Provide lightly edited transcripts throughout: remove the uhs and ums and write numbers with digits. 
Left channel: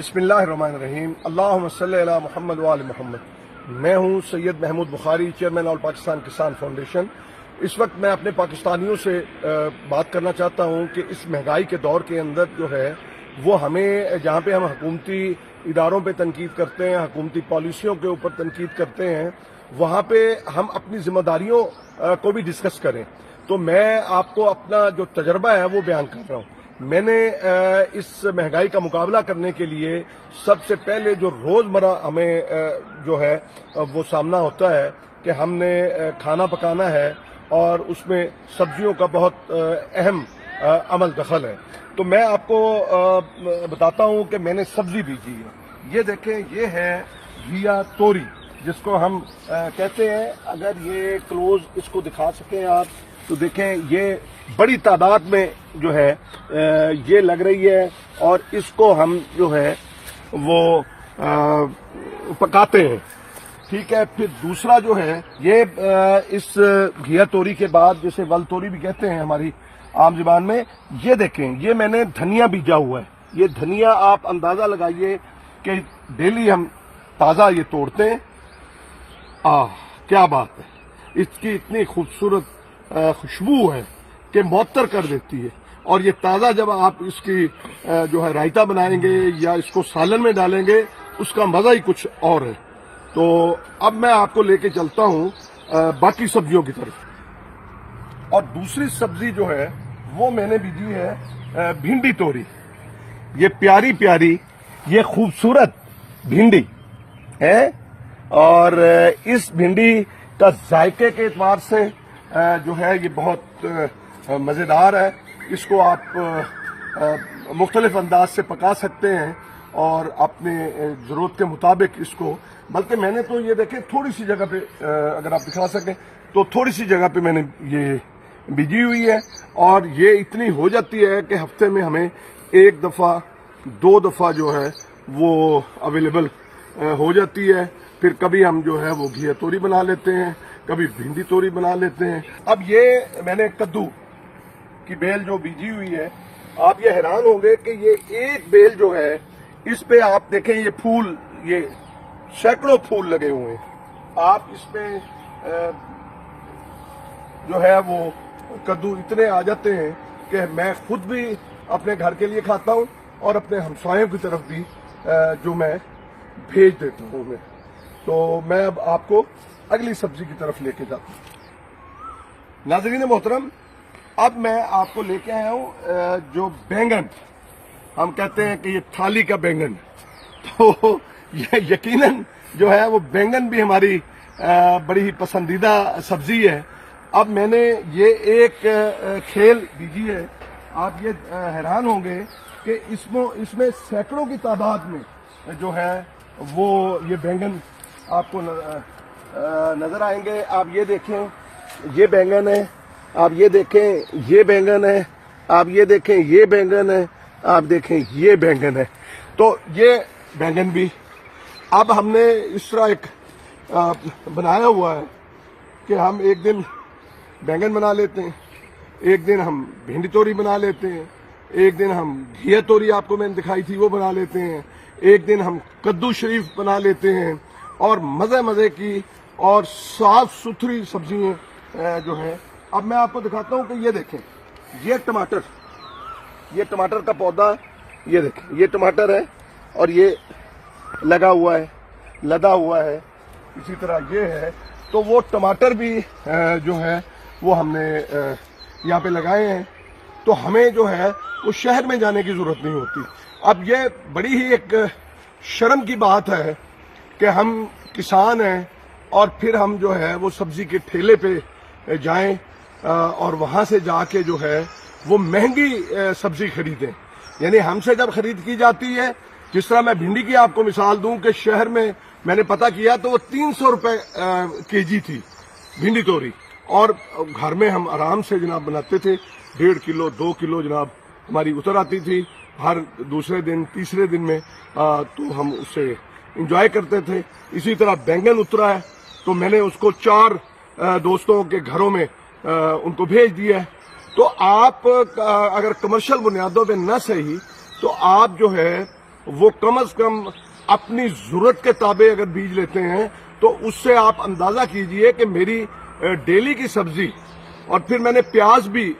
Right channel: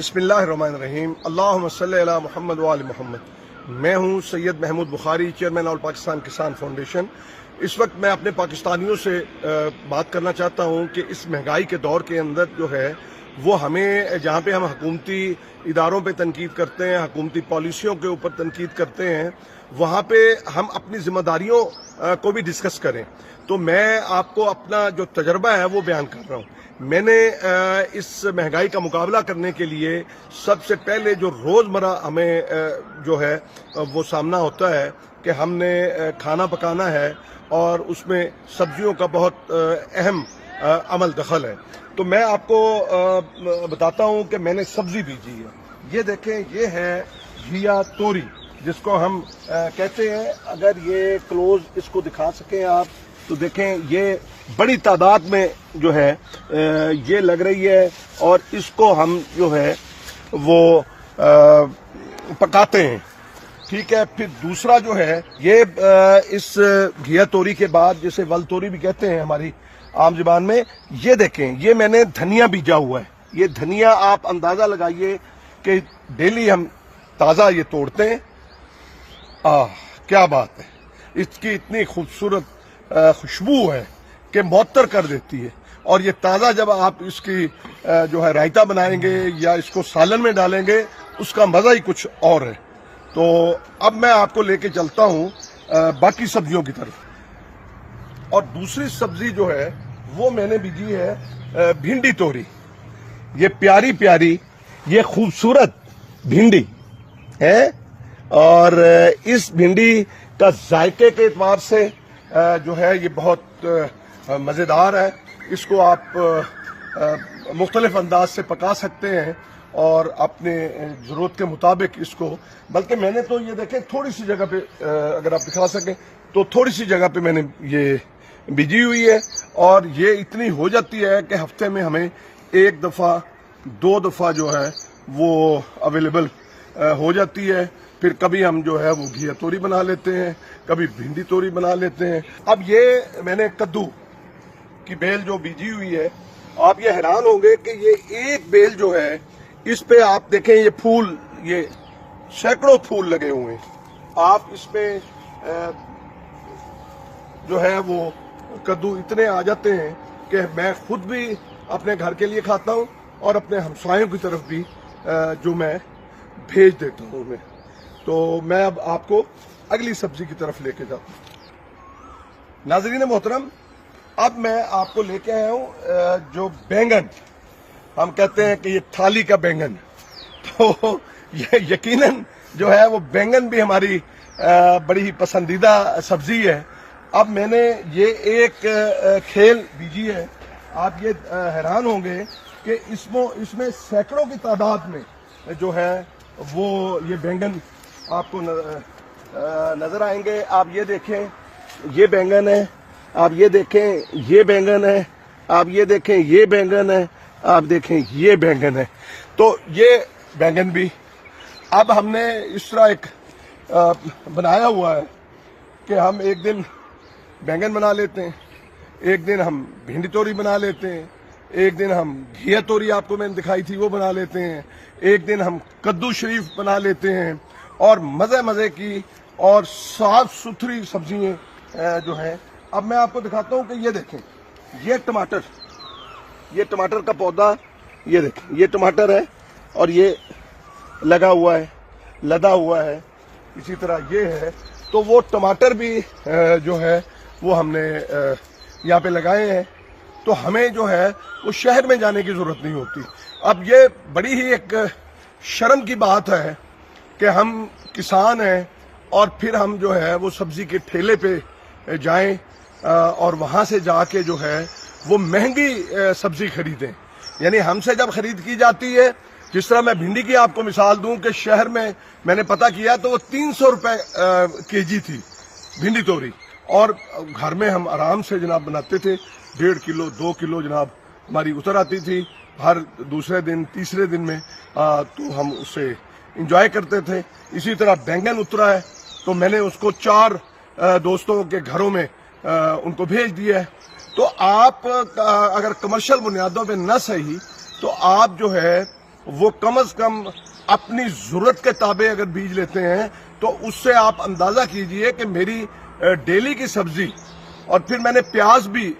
बिस्मिल्लाहिर्रहमानिर्रहीम। अल्लाहुम्मा सल्ली अला मुहम्मद व आले मुहम्मद। मैं हूं सैयद महमूद बुखारी, चेयरमैन ऑल पाकिस्तान किसान फाउंडेशन। इस वक्त मैं अपने पाकिस्तानियों से बात करना चाहता हूं कि इस महंगाई के दौर के अंदर जो है वो हमें, जहां पे हम हुकूमती इदारों पे तनकीद करते हैं, हुकूमती पॉलिसियों के ऊपर तनकीद करते हैं, वहां पे हम अपनी जिम्मेदारियों को भी डिस्कस करें। तो मैं आपको अपना जो तजर्बा है वो बयान कर रहा हूं। मैंने इस महंगाई का मुकाबला करने के लिए सबसे पहले जो रोज़मर्रा हमें जो है वो सामना होता है कि हमने खाना पकाना है और उसमें सब्जियों का बहुत अहम अमल दखल है। तो मैं आपको बताता हूं कि मैंने सब्जी बीजी है। ये देखें, ये है घिया तोरी, जिसको हम कहते हैं। अगर ये क्लोज इसको दिखा सकें आप तो देखें, ये बड़ी तादाद में जो है ये लग रही है और इसको हम जो है वो पकाते हैं। ठीक है। फिर दूसरा जो है ये इस घिया तोरी के बाद, जिसे वल तोरी भी कहते हैं हमारी आम जुबान में, ये देखें, ये मैंने धनिया बीजा हुआ है। ये धनिया आप अंदाजा लगाइए कि डेली हम ताज़ा ये तोड़ते हैं। क्या बात है, इसकी इतनी खूबसूरत खुशबू है कि मुअत्तर कर देती है। और ये ताज़ा जब आप इसकी जो है रायता बनाएंगे या इसको सालन में डालेंगे, उसका मज़ा ही कुछ और है। तो अब मैं आपको लेके चलता हूँ बाकी सब्जियों की तरफ। और दूसरी सब्जी जो है वो मैंने बीजी है भिंडी तोरी। ये प्यारी प्यारी, ये खूबसूरत भिंडी है और इस भिंडी का जायके के एतबार से जो है ये बहुत मज़ेदार है। इसको आप मुख्तलिफ अंदाज से पका सकते हैं और अपने ज़रूरत के मुताबिक इसको, बल्कि मैंने तो ये देखें थोड़ी सी जगह पे, अगर आप दिखा सकें तो थोड़ी सी जगह पे मैंने ये बीजी हुई है और ये इतनी हो जाती है कि हफ्ते में हमें एक दफ़ा दो दफ़ा जो है वो अवेलेबल हो जाती है। फिर कभी हम जो है वो घिया तोरी बना लेते हैं, कभी भिंडी तोरी बना लेते हैं। अब ये मैंने कद्दू की बेल जो बीजी हुई है, आप ये हैरान होंगे कि ये एक बेल जो है इस पे आप देखें, ये फूल, ये सैकड़ों फूल लगे हुए हैं। आप इसमें जो है वो कद्दू इतने आ जाते हैं कि मैं खुद भी अपने घर के लिए खाता हूँ और अपने हमसायों की तरफ भी जो मैं भेज देता हूँ मैं। तो मैं अब आपको अगली सब्जी की तरफ लेके जाता हूँ। नाज़रीन मोहतरम, अब मैं आपको लेके आया हूँ जो बैंगन, हम कहते हैं कि ये थाली का बैंगन। तो ये यकीनन जो है वो बैंगन भी हमारी बड़ी ही पसंदीदा सब्जी है। अब मैंने ये एक खेल बीजी है। आप ये हैरान होंगे कि इसमें सैकड़ों की तादाद में जो है वो ये बैंगन आपको नजर आएंगे। आप ये देखें, ये बैंगन है। आप ये देखें, ये बैंगन है। आप ये देखें, ये बैंगन है। आप देखें, ये बैंगन है। तो ये बैंगन भी अब हमने इस तरह एक बनाया हुआ है कि हम एक दिन बैंगन बना लेते हैं, एक दिन हम भिंडी तोरी बना लेते हैं, एक दिन हम घिया तोरी, आपको मैंने दिखाई थी, वो बना लेते हैं, एक दिन हम कद्दू शरीफ बना लेते हैं। और मज़े मज़े की और साफ सुथरी सब्जियाँ जो हैं। अब मैं आपको दिखाता हूँ कि ये देखें, ये टमाटर का पौधा, ये देखें, ये टमाटर है और ये लगा हुआ है, लदा हुआ है। इसी तरह ये है। तो वो टमाटर भी जो है वो हमने यहाँ पे लगाए हैं। तो हमें जो है वो शहर में जाने की ज़रूरत नहीं होती। अब ये बड़ी ही एक शर्म की बात है कि हम किसान हैं और फिर हम जो है वो सब्जी के ठेले पे जाएं और वहाँ से जाके जो है वो महंगी सब्जी खरीदें। यानी हमसे जब खरीद की जाती है, जिस तरह मैं भिंडी की आपको मिसाल दूं कि शहर में मैंने पता किया तो वो 300 रुपए केजी थी भिंडी तोरी, और घर में हम आराम से जनाब बनाते थे। 1.5 किलो 2 किलो जनाब हमारी उतर आती थी हर दूसरे दिन तीसरे दिन में। तो हम उससे इंजॉय करते थे। इसी तरह बैंगन उतरा है तो मैंने उसको 4 दोस्तों के घरों में उनको भेज दिया है। तो आप अगर कमर्शियल बुनियादों पे न सही तो आप जो है وہ کم از کم اپنی ضرورت کے تابع اگر بیج لیتے ہیں تو اس سے آپ اندازہ کیجئے کہ میری ڈیلی کی سبزی، اور پھر میں نے پیاز بھی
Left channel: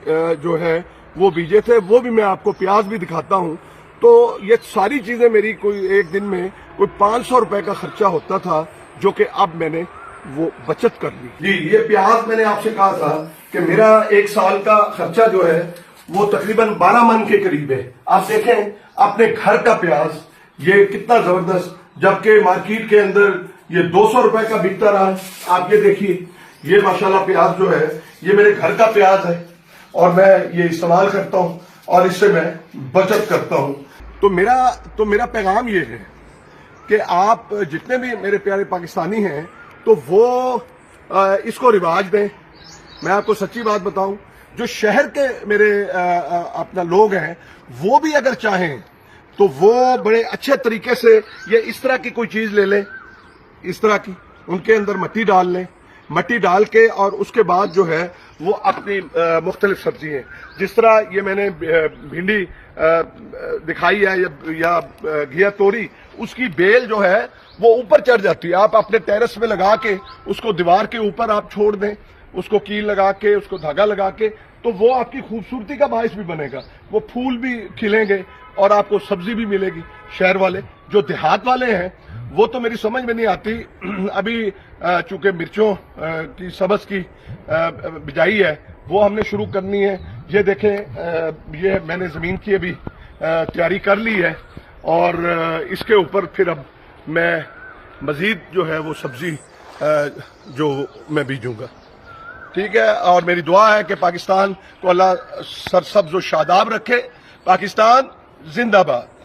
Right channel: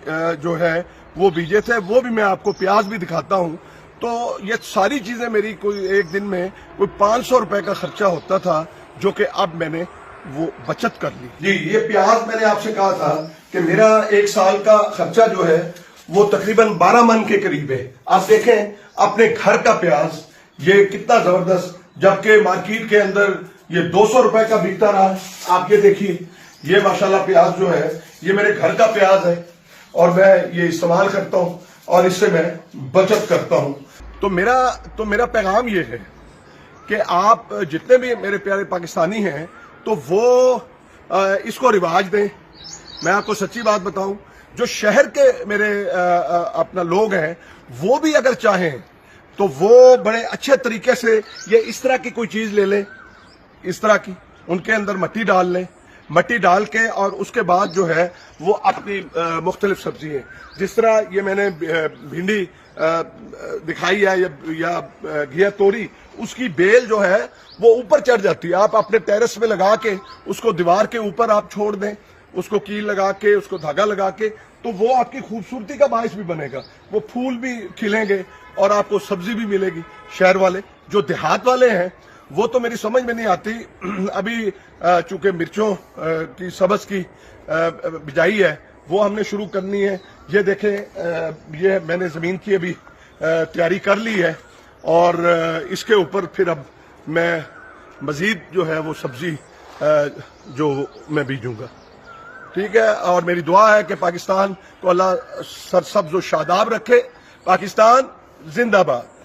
جو ہے وہ بیجے تھے، وہ بھی میں آپ کو پیاز بھی دکھاتا ہوں. تو یہ ساری چیزیں میری کوئی ایک دن میں کوئی 500 روپے کا خرچہ ہوتا تھا، جو کہ اب میں نے وہ بچت کر لی. جی یہ پیاز میں نے آپ سے کہا تھا کہ میرا ایک سال کا خرچہ جو ہے وہ تقریباً 12 من کے قریب ہے. آپ دیکھیں اپنے گھر کا پیاز یہ کتنا زبردست، جبکہ مارکیٹ کے اندر یہ 200 روپے کا بکتا رہا. آپ یہ دیکھیے، یہ ماشاءاللہ پیاز جو ہے یہ میرے گھر کا پیاز ہے اور میں یہ استعمال کرتا ہوں اور اس سے میں بچت کرتا ہوں. تو میرا پیغام یہ ہے کہ آپ جتنے بھی میرے پیارے پاکستانی ہیں تو وہ اس کو رواج دیں. میں آپ کو سچی بات بتاؤں، جو شہر کے میرے اپنا لوگ ہیں وہ بھی اگر چاہیں تو وہ بڑے اچھے طریقے سے یہ اس طرح کی کوئی چیز لے لیں، اس طرح کی، ان کے اندر مٹی ڈال لیں، مٹی ڈال کے اور اس کے بعد جو ہے وہ اپنی مختلف سبزی ہیں، جس طرح یہ میں نے بھنڈی دکھائی ہے یا گھیا توری، اس کی بیل جو ہے وہ اوپر چڑھ جاتی ہے. آپ اپنے ٹیرس میں لگا کے اس کو دیوار کے اوپر آپ چھوڑ دیں، اس کو کیل لگا کے، اس کو دھاگا لگا کے، تو وہ آپ کی خوبصورتی کا باعث بھی بنے گا. وہ پھول بھی کھلیں گے اور آپ کو سبزی بھی ملے گی. شہر والے، جو دیہات والے ہیں وہ تو میری سمجھ میں نہیں آتی. ابھی چونکہ مرچوں کی سبز کی بجائی ہے وہ ہم نے شروع کرنی ہے. یہ دیکھیں یہ میں نے زمین کی ابھی تیاری کر لی ہے اور اس کے اوپر پھر اب میں مزید جو ہے وہ سبزی جو میں بیجوں گا. ٹھیک ہے، اور میری دعا ہے کہ پاکستان کو اللہ سرسبز و شاداب رکھے. پاکستان زندہ باد.